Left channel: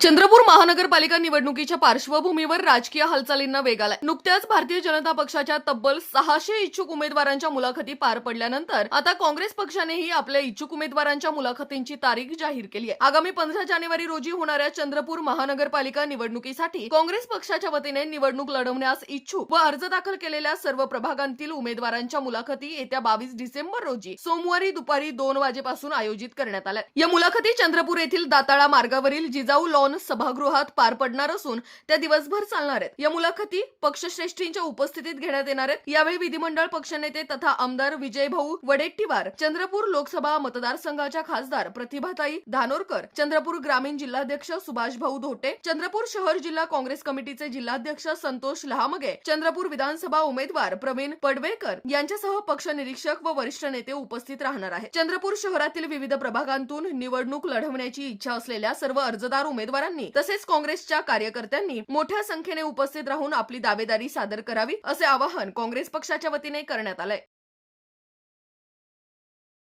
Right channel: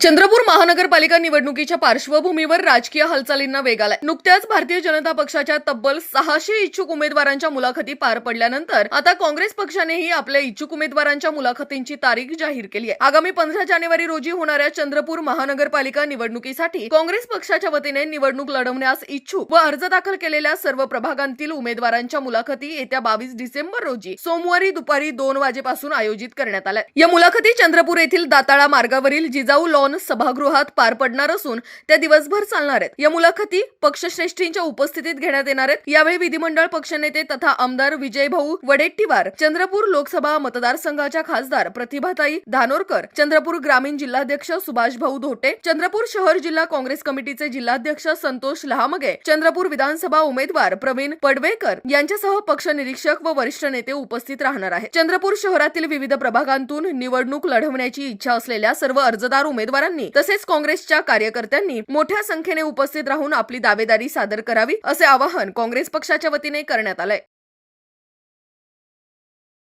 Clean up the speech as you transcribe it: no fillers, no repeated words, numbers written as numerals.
चंद्रपूर महानगरपालिका निवडणुकीच्या पार्श्वभूमीवर राजकीय हालचालींना वेग आलाय. नुकत्याच भारतीय जनता पक्षाच्या तब्बल 600 इच्छुक उमेदवारांच्या मुलाखती पार पडल्यानंतर आता काँग्रेस पक्षानेही आपल्या इच्छुक उमेदवारांच्या मुलाखतींची तारीख जाहीर केली आहे. आगामी 15 जानेवारी रोजी होणाऱ्या चंद्रपूर महानगरपालिका निवडणुकीसाठी काँग्रेस पक्षाच्या वतीने निवडणूक लढवण्यास इच्छुक व अर्ज दाखल केलेल्या सर्व प्रभागांतील उमेदवारांच्या मुलाखती येत्या 22 डिसेंबर रोजी सोमवारी दुपारी 2 वाजेपासून आयोजित करण्यात आल्या. या मुलाखती चंद्रपूर येथील दाताळा मार्गावरील जिजाऊ लॉन सभागृहात पार पडणार असून त्या दिवसभर चालणार आहेत. या मुलाखती पक्षश्रेष्ठींच्या उपस्थितीत घेण्यात येणार आहेत. यावेळी विधिमंडळ पक्षनेते तथा आमदार विजयभाऊ वडेट्टीवार, चंद्रपूर लोकसभा मतदारसंघाच्या खासदार प्रतिभाताई धानोरकर, चंद्रपूर ग्रामीण जिल्हाध्यक्ष सुभाषभाऊ धोटे, चंद्रपूर शहर जिल्हा काँग्रेस कमिटीचे जिल्हाध्यक्ष संतोष लहामगे, चंद्रपूर विधानसभा उमेदवार प्रवीण पडवेकर यांच्यासह पक्ष निरीक्षक व वरिष्ठ नेते उपस्थित राहणार आहेत. चंद्रपूर शहरातील विविध प्रभागांतून निवडणूक लढवण्याची इच्छा असलेल्या सर्व अर्जदार उमेदवारांनी तसेच काँग्रेसच्या कार्यकर्त्यांनी मोठ्या संख्येने उपस्थित राहून आपली दावेदारी सादर करावी असे आवाहन काँग्रेस पक्षाच्या वतीने करण्यात आलंय.